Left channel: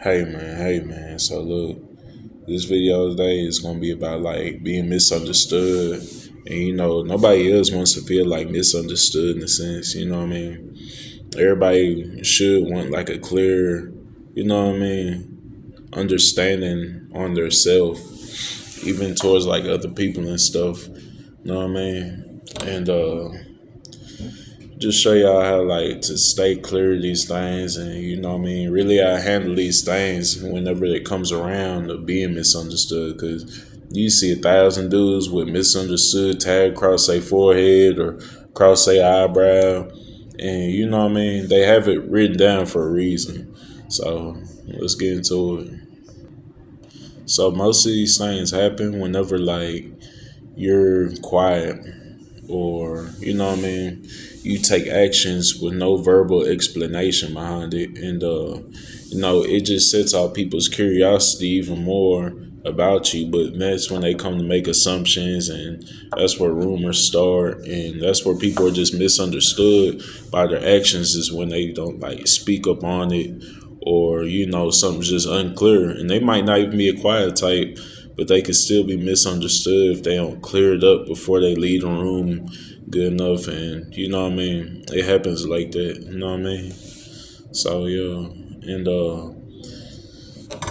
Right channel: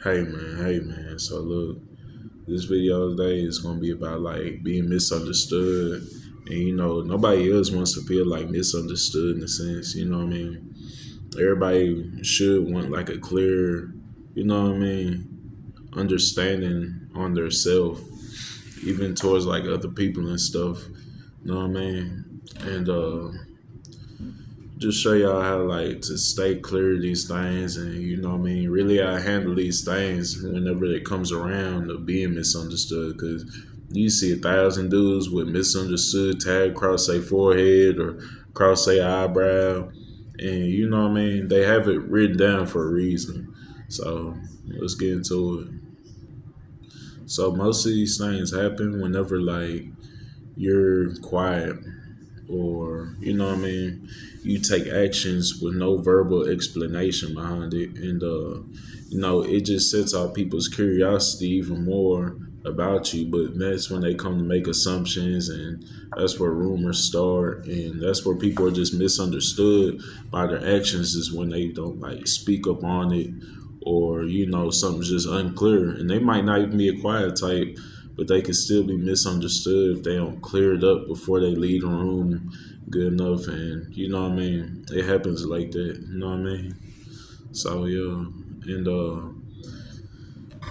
Hey man. So look, this video today is gonna be about like being misunderstood, and nobody else wants to feel like misunderstood in a sense. You know what I mean? Everybody should want like a clear, understanding on their self, even towards like other people and stuff. You know what I mean? And just show y'all how like to stay clear of these things, and really I handle these things whenever it comes around to being misunderstood, because you see 1,000 dudes with misunderstood tag across their forehead or across their eyebrow, and they have it written down for a reason. So let's get into it. So most of these things happen whenever like you're quiet, or you take actions with no verbal explanation behind it, and it just sets out people's curiosity even more about you. But that's when they come to make assumptions, and that's where rumors start, and that's where people are just misunderstood by their actions, is when they don't like speak up on it, or something's just unclear, and they might not even be a quiet type, but they could still be misunderstood if they don't clear it up before they leave the room good enough. And it happens like that. You know what I mean? So yeah, and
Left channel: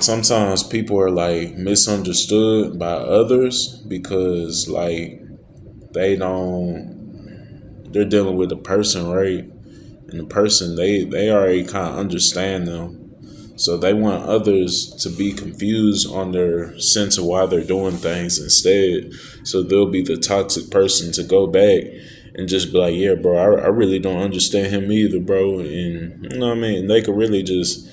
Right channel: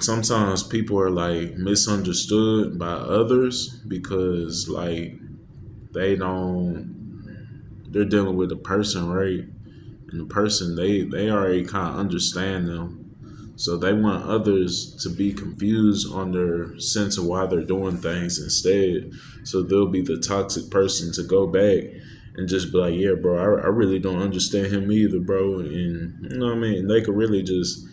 sometimes people are like misunderstood by others because like they they're dealing with a person, right? And the person, they already kind of understand them. So they want others to be confused on their sense of why they're doing things instead. So they'll be the toxic person to go back and just be like, yeah, bro, I really don't understand him either, bro. And you know what I mean? They could really just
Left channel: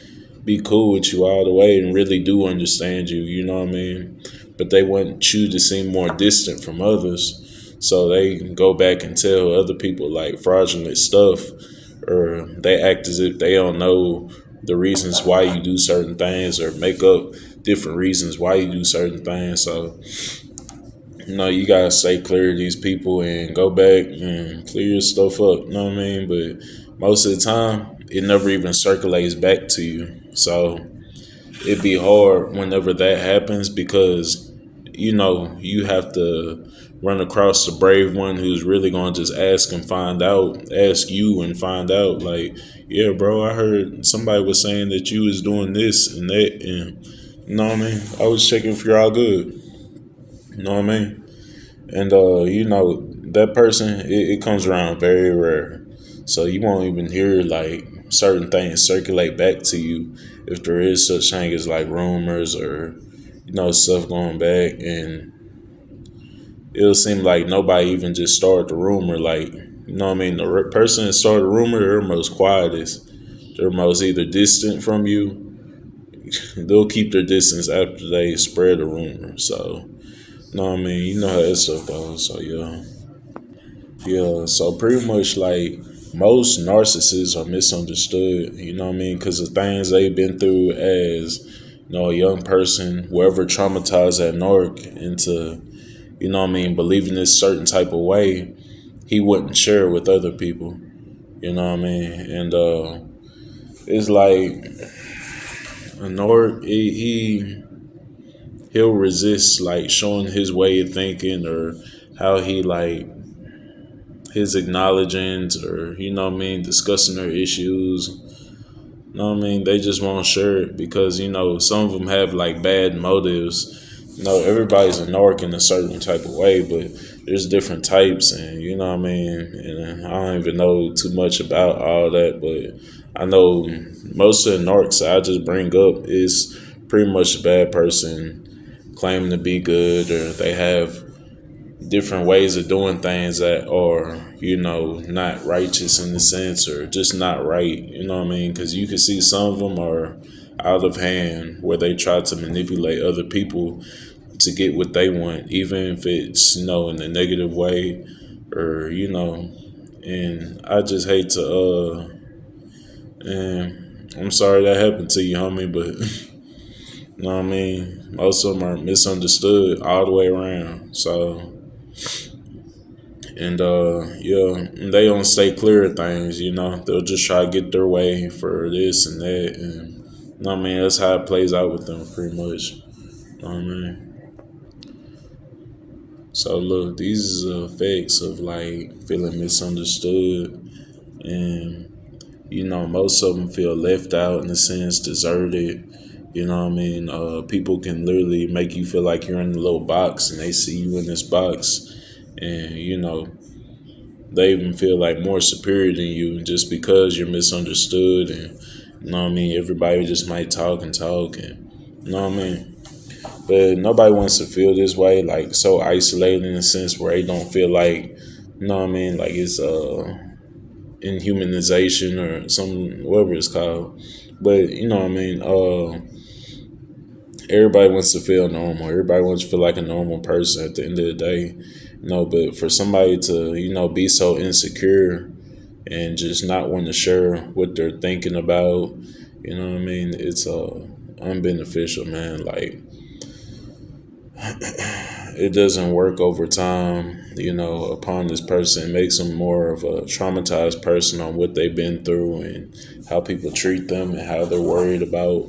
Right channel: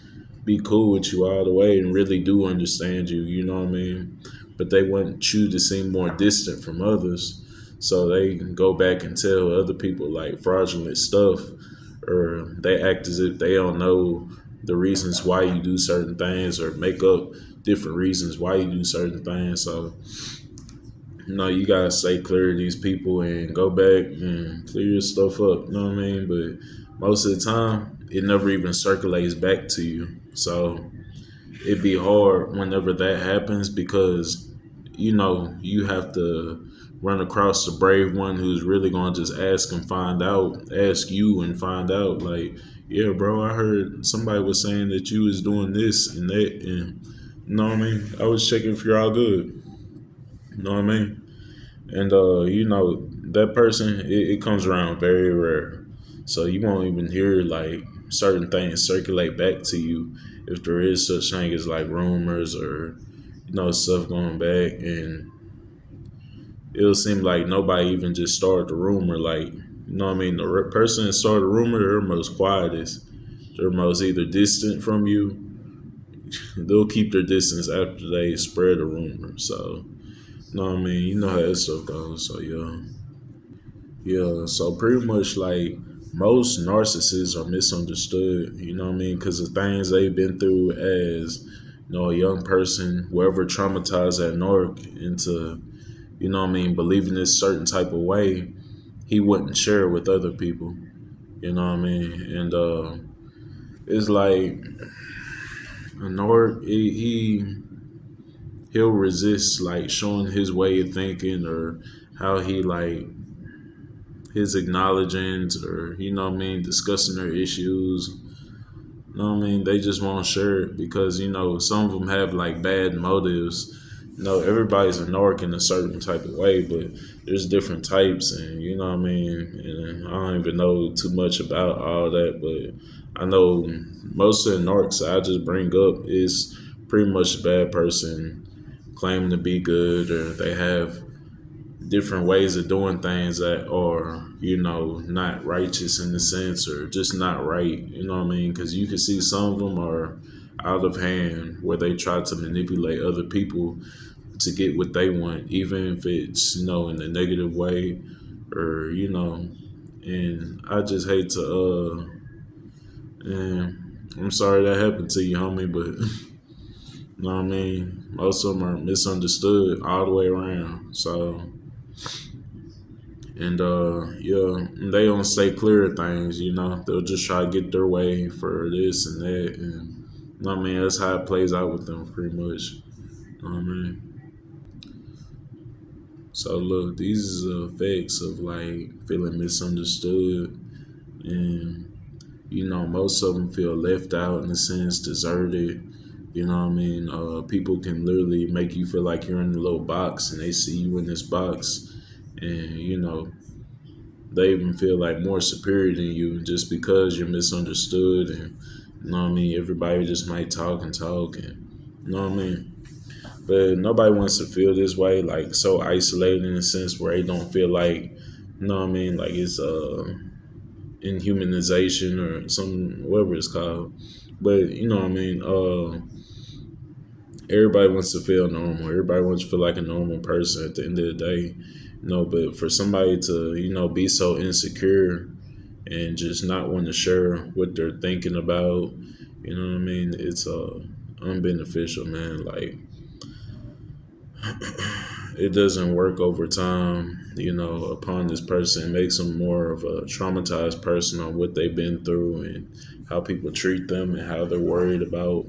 be cool with you all the way and really do understand you, you know what I mean? But they want you to seem more distant from others. So they go back and tell other people like fraudulent stuff, or they act as if they don't know the reasons why you do certain things, or make up different reasons why you do certain things. So you gotta stay clear of these people and go back and clear your stuff up. You know what I mean? But most of the time, it never even circulates back to you. So it'd be hard whenever that happens, because you have to run across the brave one who's really going to just ask you and find out, like, yeah, bro, I heard somebody was saying that you was doing this and that, and you know what I mean? I was checking if you're all good. You know what I mean? And that person, it comes around very rare. So you won't even hear like certain things circulate back to you if there is such thing as like rumors, or stuff going back. And it'll seem like nobody even just started the rumor. Like, the person that started the rumor, they're most quietest. They're most either distant from you. They'll keep their distance after they spread the rumor. So, you know how that stuff goes. So yeah. Yeah, so pretty much like most narcissists are misunderstood, you know what I mean? Because the things they've been through as, a young person, whoever traumatized that narc into, believing this certain type of way, he wouldn't share it with other people, you know what I mean? And it's like a narc, he'll resist like showing his way of thinking, or how he like his acknowledgings, or discussing their issues. You know what I mean? They just won't share it because some of them have like bad motives. Everybody's a narc in a certain type of way, but there's different types, and you know what I mean. And I don't even know too much about all that, but I know most of the narcs I just bring up is pretty much a bad person claiming to be good, or they have different ways of doing things that are, not righteous in the sense, or just not right. You know what I mean? Because you can see some of them are out of hand, where they try to manipulate other people to get what they want, even if it's, in a negative way, or, and I just hate to, and I'm sorry that happened to you, homie, but, you know what I mean? Most of them are misunderstood all the way around. So, and yeah, they don't stay clear of things. They'll just try to get their way for this and that, and know what I mean? That's how it plays out with them pretty much. Know what I mean? So look, these are effects of like feeling misunderstood, and most of them feel left out in a sense, deserted. You know what I mean? People can literally make you feel like you're in a little box, and they see you in this box, and they even feel like more superior than you just because you're misunderstood, and everybody just might talk and talk, and you know what I mean. But nobody wants to feel this way, like so isolated in a sense where they don't feel like, like it's inhumanization or some whatever it's called. But everybody wants to feel normal. Everybody wants to feel like a normal person at the end of the day. But for somebody to, be so insecure and just not want to share what they're thinking about, it's unbeneficial, man. Like it doesn't work over time, upon this person. It makes them more of a traumatized person on what they've been through and how people treat them and how they're worried about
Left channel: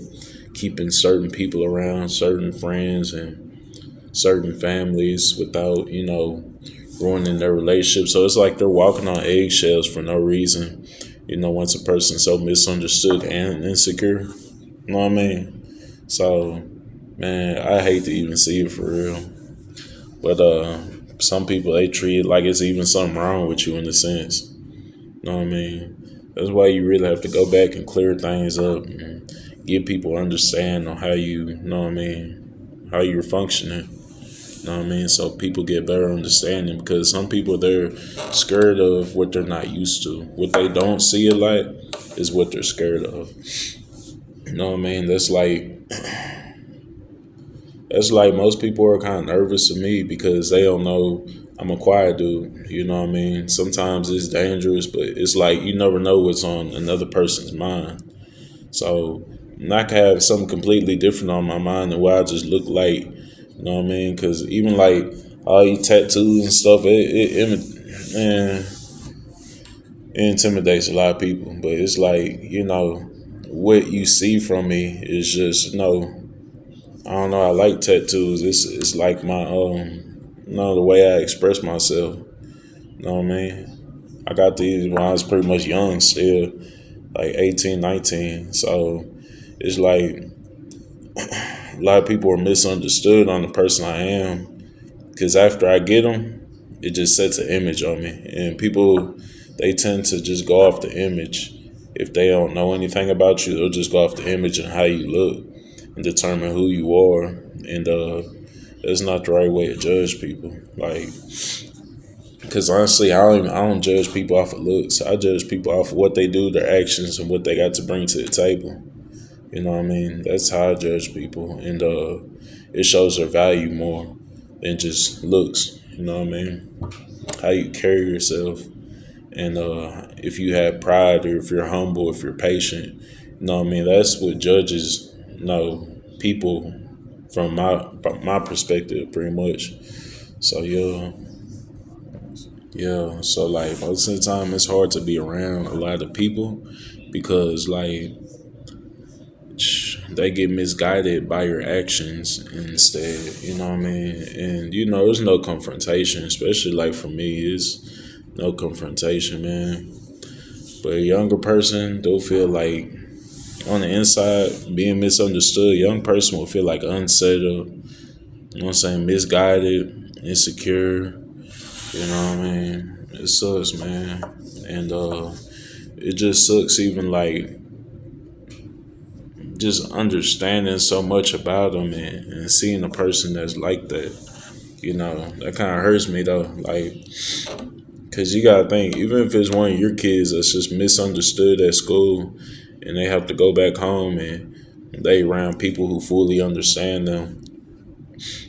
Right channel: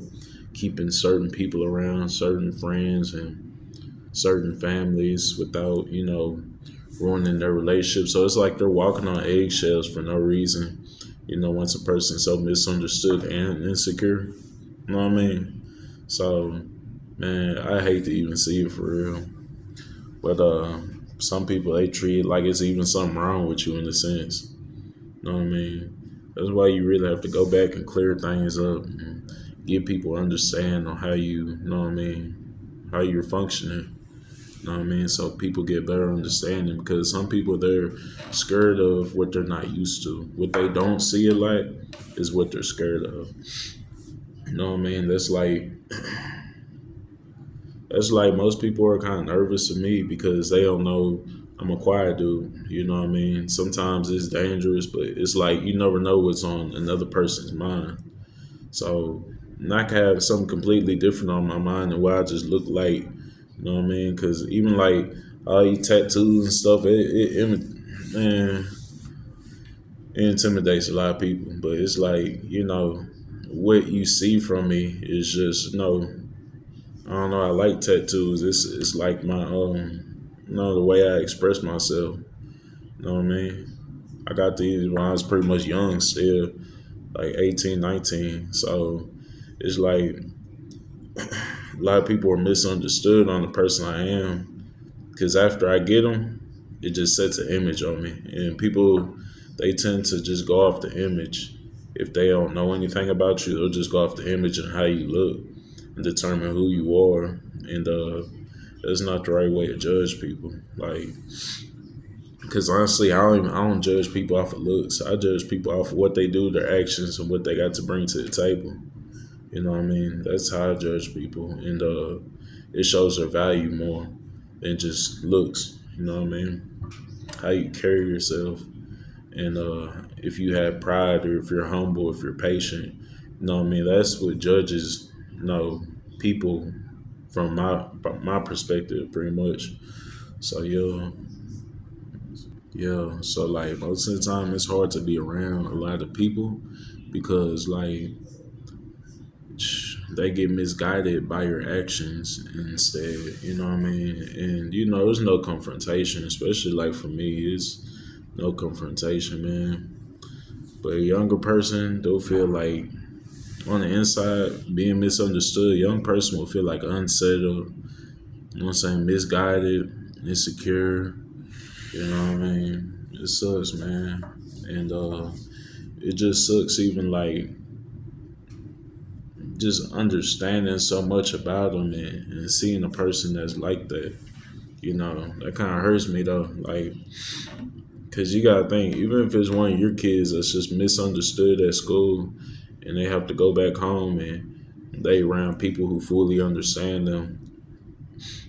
keeping certain people around, certain friends and certain families without, ruining their relationship. So it's like they're walking on eggshells for no reason, once a person's so misunderstood and insecure. You know what I mean? So, man, I hate to even see it for real. But some people they treat it like it's even something wrong with you in a sense. You know what I mean? That's why you really have to go back and clear things up and give people understand on how you know what I mean, how you're functioning. You know what I mean? So people get better understanding because some people they're scared of what they're not used to. What they don't see a lot is what they're scared of. You know what I mean? That's like most people are kind of nervous of me because they don't know I'm a quiet dude. You know what I mean? Sometimes it's dangerous, but it's like you never know what's on another person's mind. So I could have something completely different on my mind than what I just look like. You know what I mean? Because even like all these tattoos and stuff, man, it intimidates a lot of people. But it's like what you see from me is just I don't know. I like tattoos. It's like my the way I express myself. You know what I mean? I got these when I was pretty much young, still like 18, 19. So it's like a lot of people are misunderstood on the person I am because after I get them, it just sets an image on me, and people they tend to just go off the image. If they don't know anything about you, they'll just go off the image and how you look and determine who you are. And that's not the right way to judge people. Like, because honestly, I don't judge people off of looks. I judge people off of what they do, their actions, and what they got to bring to the table. You know what I mean? That's how I judge people, and it shows their value more than just looks. You know what I mean? How you carry yourself, and if you have pride, or if you're humble, if you're patient. You know what I mean? That's what judges people from my perspective, pretty much. So yeah. So like most of the time, it's hard to be around a lot of people because like they get misguided by your actions instead. You know what I mean? And there's no confrontation, especially like for me, it's no confrontation, man. But a younger person, they'll feel like on the inside being misunderstood. A young person will feel like unsettled. You know what I'm saying? Misguided, insecure. You know what I mean? It sucks, man. And it just sucks even like just understanding so much about them and seeing a person that's like that. That kind of hurts me though. Like, cause you gotta think, even if it's one of your kids that's just misunderstood at school, and they have to go back home and they around people who fully understand them.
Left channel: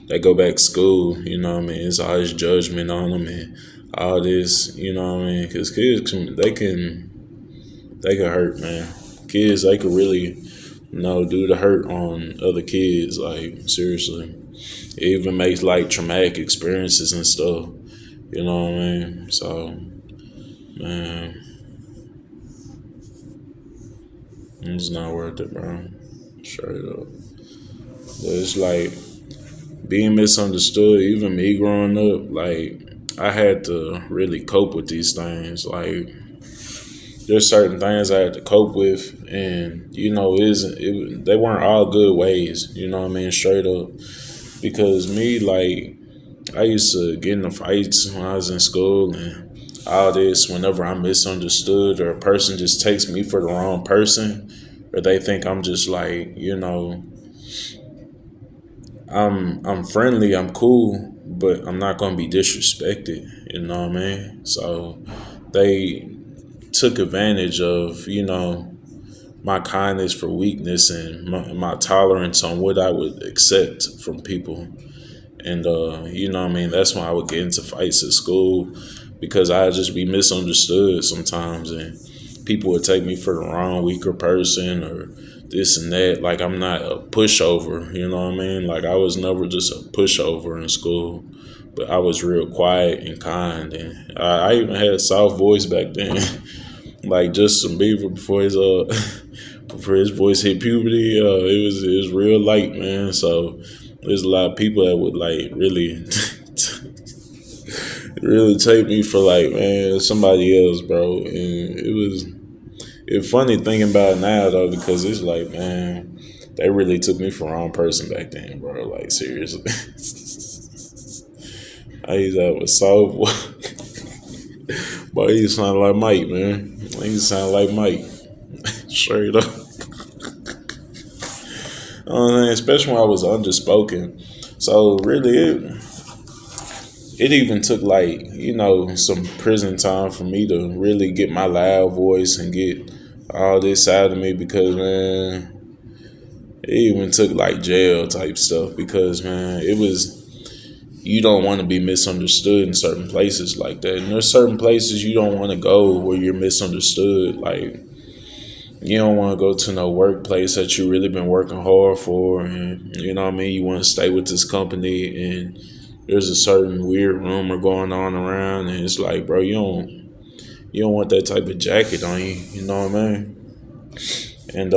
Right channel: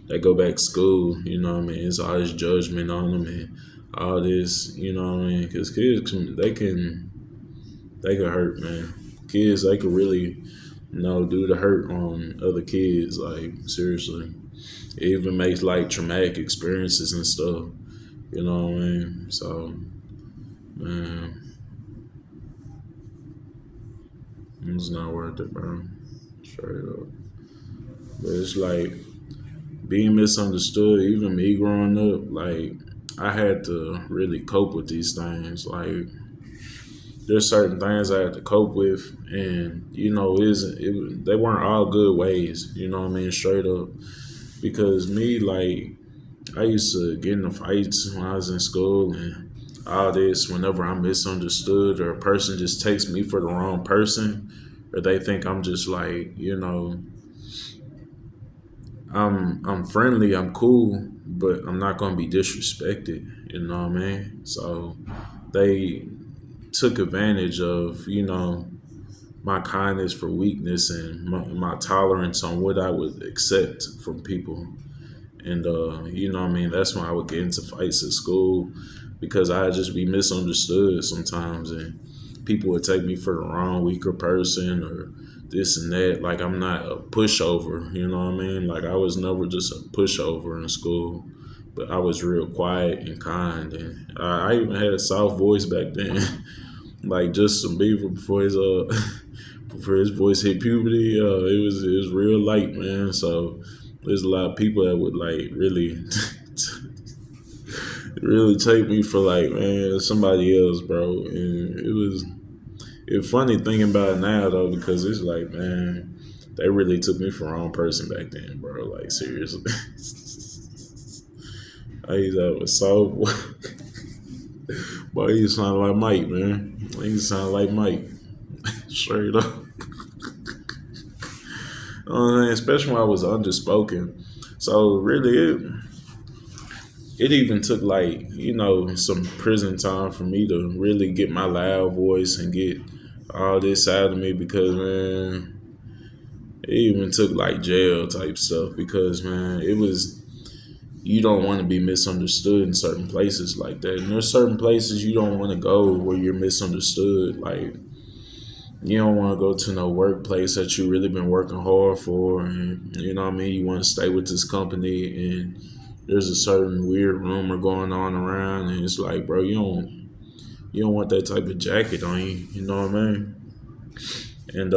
They go back to school, you know what I mean? It's all this judgment on them and all this, you know what I mean? Cause kids they can hurt, man. Kids they can really do the hurt on other kids. Like seriously, it even makes like traumatic experiences and stuff. You know what I mean? So, man, it's not worth it, bro. Straight up. But it's like being misunderstood, even me growing up, like I had to really cope with these things. Like there's certain things I had to cope with, and they weren't all good ways. You know what I mean? Straight up, because me, like, I used to get into fights when I was in school and all this. Whenever I'm misunderstood or a person just takes me for the wrong person, or they think I'm just like, I'm friendly, I'm cool, but I'm not gonna be disrespected. You know what I mean? So they took advantage of my kindness for weakness and my tolerance on what I would accept from people. And you know what I mean? That's when I would get into fights at school because I'd just be misunderstood sometimes and people would take me for the wrong weaker person or this and that. Like I'm not a pushover, you know what I mean? Like I was never just a pushover in school. But I was real quiet and kind, and I even had a soft voice back then, like Justin Bieber before his before his voice hit puberty. It was real light, man. So there's a lot of people that would like really really take me for like man somebody else, bro. And it's funny thinking about it now though because it's like man they really took me for the wrong person back then, bro. Like seriously. I used to have a soft voice. Boy, he sound like Mike, man. He sound like Mike. Straight up. Especially when I was underspoken. So really, it even took like some prison time for me to really get my loud voice and get all this out of me because man, it even took like jail type stuff because man, it was you don't want to be misunderstood in certain places like that. And there's certain places you don't want to go where you're misunderstood. Like you don't want to go to no workplace that you really been working hard for, and you know what I mean. You want to stay with this company, and there's a certain weird rumor going on around, and it's like, bro, you don't want that type of jacket on you. You know what I mean? And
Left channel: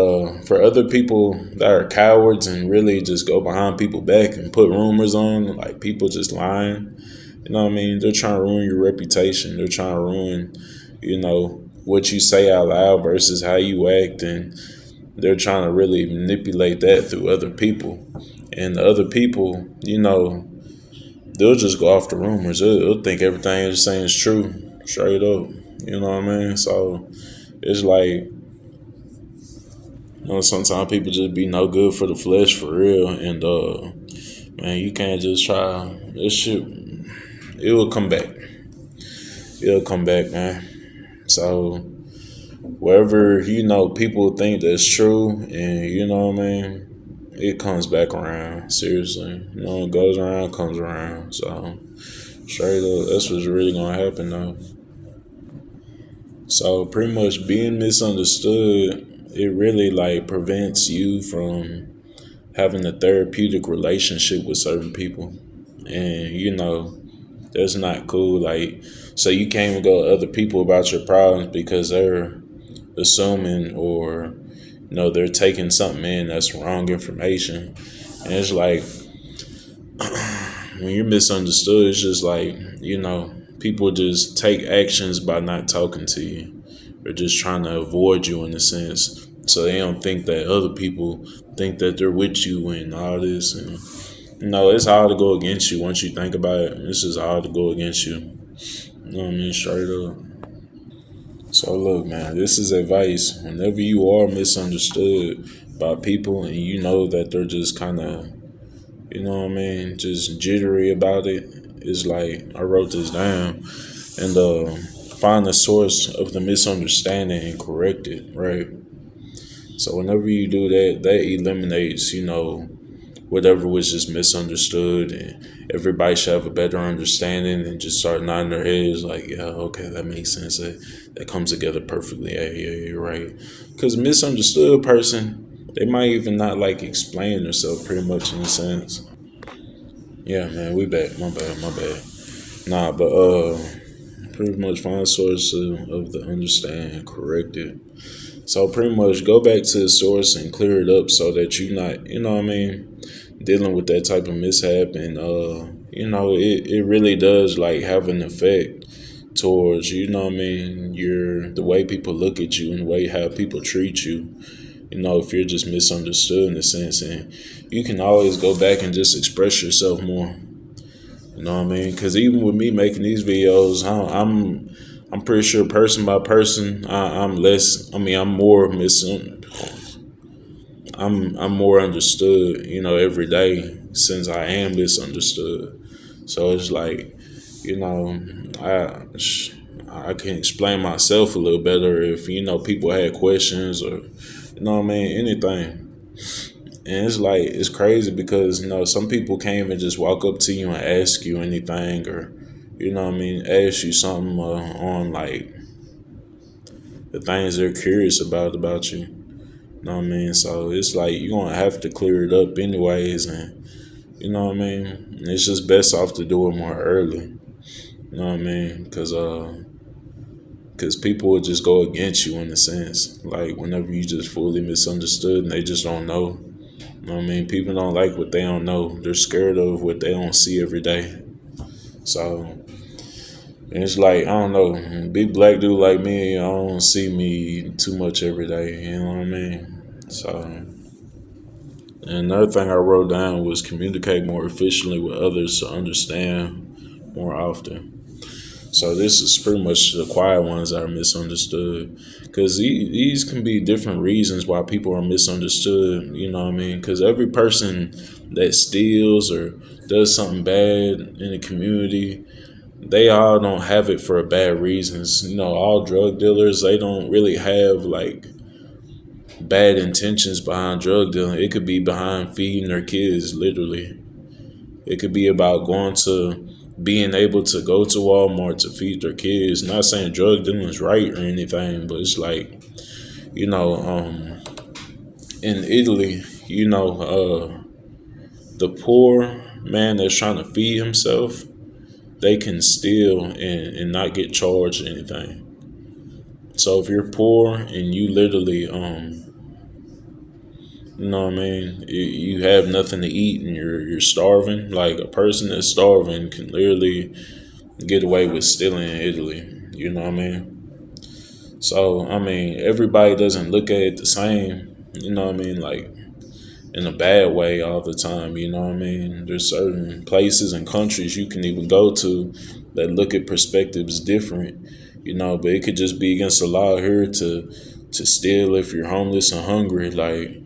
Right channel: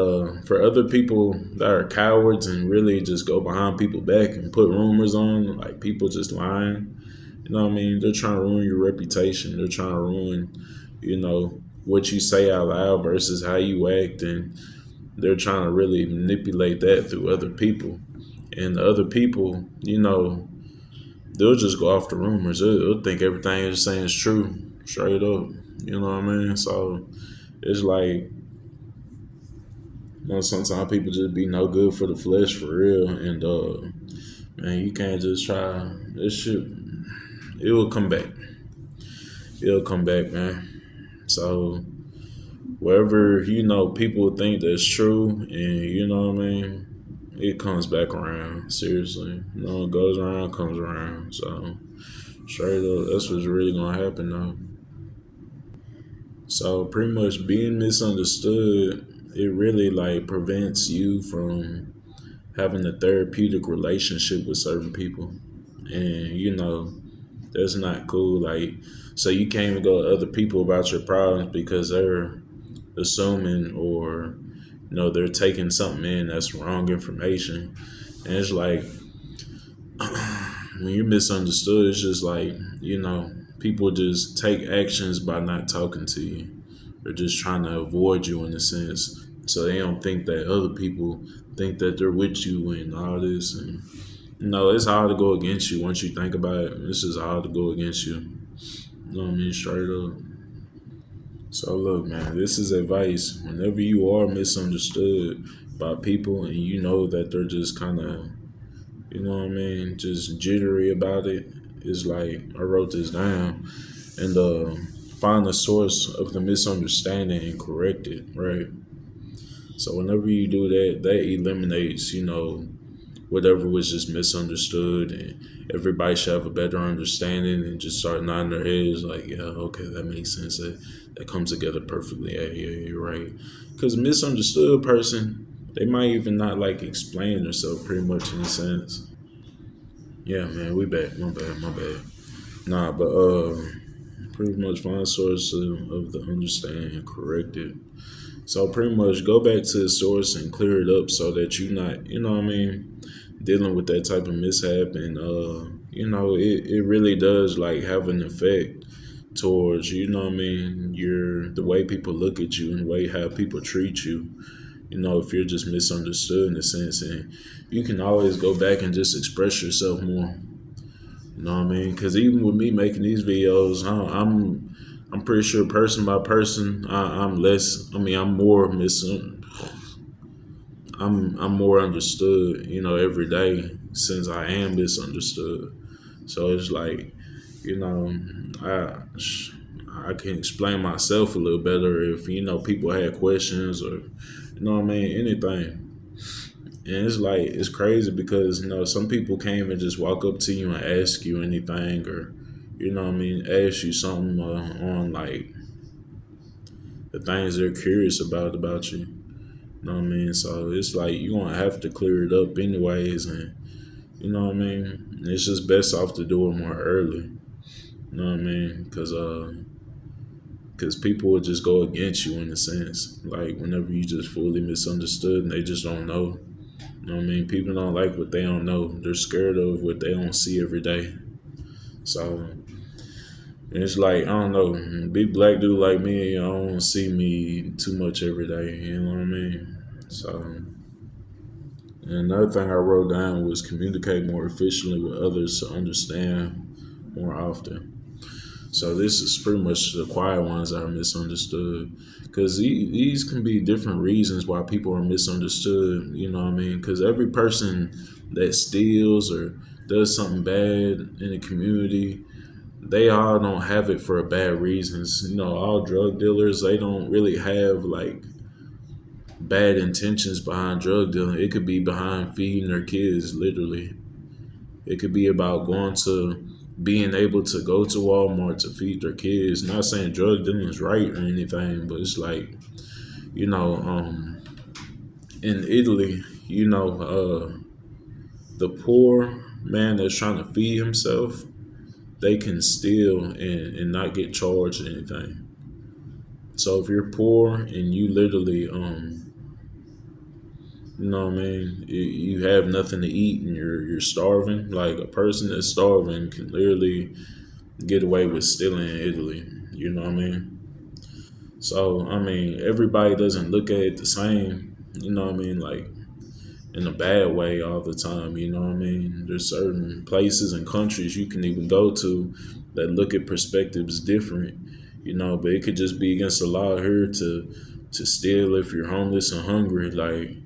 for other people that are cowards and really just go behind people back and put rumors on, like people just lying, you know what I mean? They're trying to ruin your reputation. They're trying to ruin, what you say out loud versus how you act. And they're trying to really manipulate that through other people. And the other people, they'll just go off the rumors. They'll think everything they're saying is true, straight up. You know what I mean? So it's like, sometimes people just be no good for the flesh for real. And man, you can't just try this shit. It will come back. It'll come back, man. So wherever people think that's true, and you know what I mean, it comes back around. Seriously, it goes around, comes around. So straight up, that's what's really gonna happen though. So pretty much being misunderstood, it really like prevents you from having a therapeutic relationship with certain people, and that's not cool. Like, so you can't even go to other people about your problems because they're assuming or they're taking something in that's wrong information. And it's like when you're misunderstood, it's just like people just take actions by not talking to you or just trying to avoid you in a sense, so they don't think that other people think that they're with you and all this. And it's hard to go against you once you think about it. It's just hard to go against you. You know what I mean? Straight up. So look, man, this is advice. Whenever you are misunderstood by people and you know that they're just kind of, just jittery about it, it's like I wrote this down and find the source of the misunderstanding and correct it, right? So whenever you do that, that eliminates, whatever was just misunderstood, and everybody should have a better understanding and just start nodding their heads like, yeah, okay, that makes sense. That comes together perfectly. Yeah, you're right. Because misunderstood person, they might even not like explain themselves pretty much in a sense. Yeah, man, we back. My bad, my bad. Nah, but pretty much find source of the understand, correct it. So pretty much go back to the source and clear it up so that you not, dealing with that type of mishap. And it really does like have an effect towards, your the way people look at you and the way how people treat you. If you're just misunderstood in a sense, and you can always go back and just express yourself more. You know what I mean? Because even with me making these videos, I'm pretty sure person by person, I'm less. I mean, I'm more understood. Every day since I am misunderstood. So it's like, you know, I I can explain myself a little better if people had questions or anything. And it's like it's crazy because some people can't even just walk up to you and ask you anything or ask you something on like the things they're curious about you. You know what I mean? So it's like you're gonna have to clear it up anyways, and you know what I mean. And it's just best off to do it more early. You know what I mean? Because people will just go against you in a sense. Like whenever you just fully misunderstood and they just don't know. You know what I mean? People don't like what they don't know. They're scared of what they don't see every day. So and it's like I don't know, big black dude like me, I don't see me too much every day. You know what I mean? So and another thing I wrote down was communicate more efficiently with others to understand more often. So this is pretty much the quiet ones that are misunderstood, because these can be different reasons why people are misunderstood. You know what I mean? Because every person that steals or does something bad in the community, they all don't have it for bad reasons. All drug dealers, they don't really have like bad intentions behind drug dealing. It could be behind feeding their kids, literally. It could be about going to being able to go to Walmart to feed their kids. Not saying drug dealing is right or anything, but it's like, you know, um, in Italy, the poor man that's trying to feed himself, they can steal and not get charged anything. So if you're poor and you literally, you have nothing to eat and you're starving. Like a person that's starving can literally get away with stealing in Italy. You know what I mean? So I mean, everybody doesn't look at it the same. You know what I mean? Like in a bad way all the time. You know what I mean? There's certain places and countries you can even go to that look at perspectives different. But it could just be against the law here to steal if you're homeless and hungry. Like,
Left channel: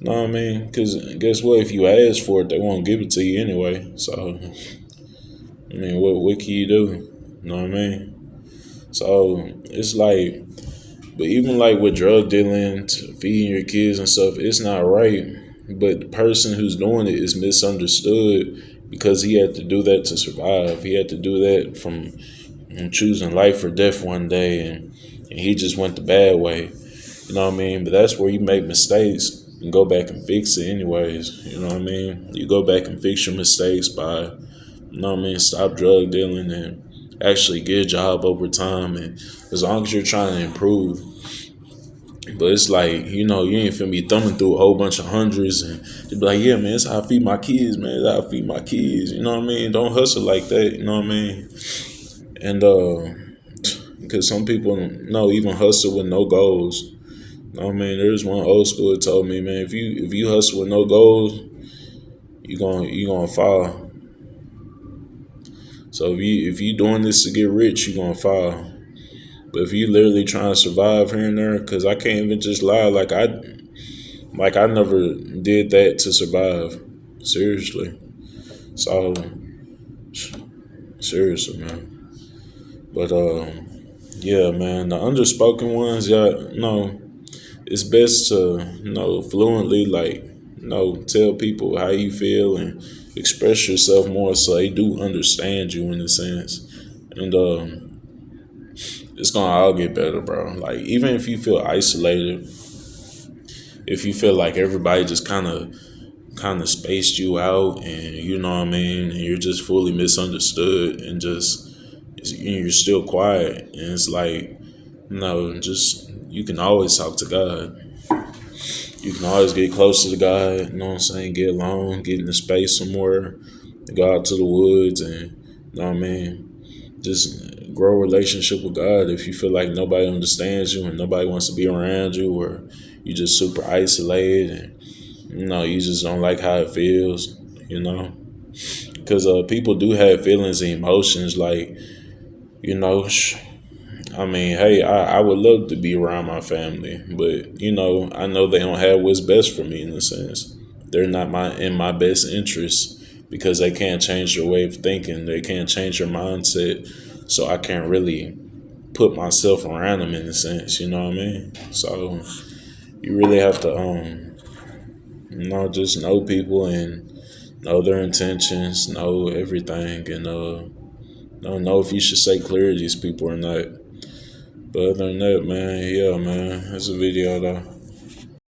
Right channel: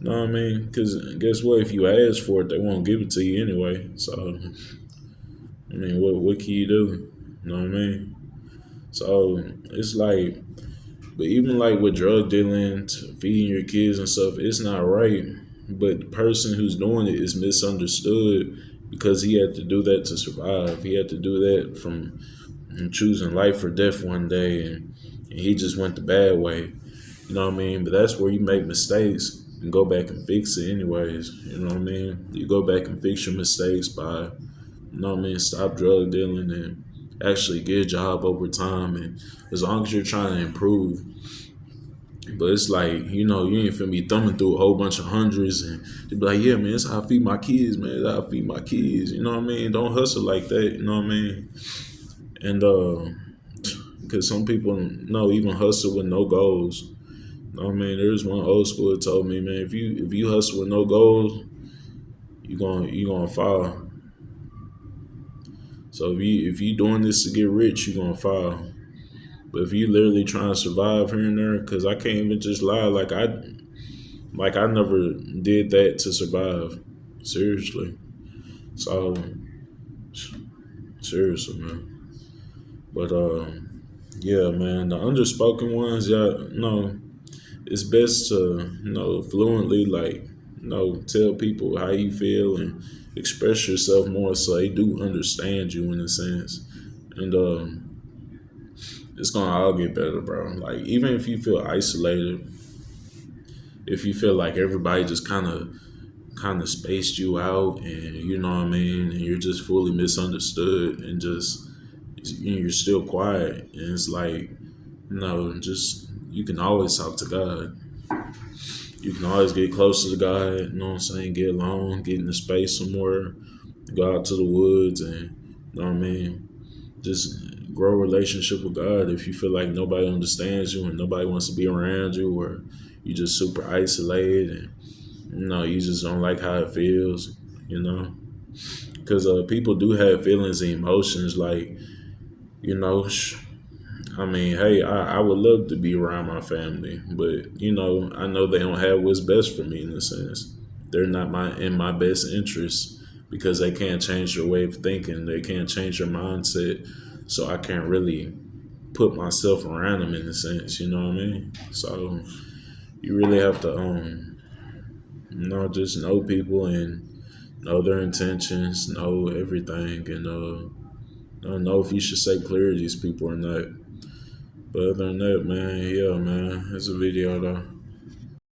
you know what I mean? Because guess what? If you ask for it, they won't give it to you anyway. So, I mean, what can you do? You know what I mean? So it's like, but even like with drug dealing, feeding your kids and stuff, it's not right. But the person who's doing it is misunderstood because he had to do that to survive. He had to do that from choosing life or death one day, and he just went the bad way. You know what I mean? But that's where you make mistakes and go back and fix it anyways. You know what I mean? You go back and fix your mistakes by, stop drug dealing and actually get a job over time. And as long as you're trying to improve, but it's like, you ain't finna be thumbing through a whole bunch of hundreds and they be like, yeah, man, it's how I feed my kids, man. It's how I feed my kids. You know what I mean? Don't hustle like that. You know what I mean? And because some people know even hustle with no goals. You know what I mean? There's one old school that told me, man, if you hustle with no goals, you gonna fall. So if you doing this to get rich, you gonna fall. But if you literally trying to survive here and there, because I can't even just lie, like I never did that to survive. Seriously. So seriously, man. But yeah, man, the underspoken ones, yeah, it's best to fluently like tell people how you feel and express yourself more so they do understand you in a sense. And it's gonna all get better, bro. Like even if you feel isolated, if you feel like everybody just kind of spaced you out and you know what I mean, and you're just fully misunderstood and just you're still quiet and it's like just you can always talk to God. You can always get closer to God, you know what I'm saying? Get alone, get in the space somewhere, go out to the woods and you know what I mean? Just grow a relationship with God. If you feel like nobody understands you and nobody wants to be around you, or you just super isolated and you just don't like how it feels, you know? Because people do have feelings and emotions, like, you know, I mean, hey, I would love to be around my family, but I know they don't have what's best for me in a sense. They're not in my best interest because they can't change your way of thinking. They can't change your mindset. So I can't really put myself around them in a sense, you know what I mean? So you really have to just know people and know their intentions, know everything, and don't know if you should say clear to these people or not. But other than that, man, yeah, man, it's a video though.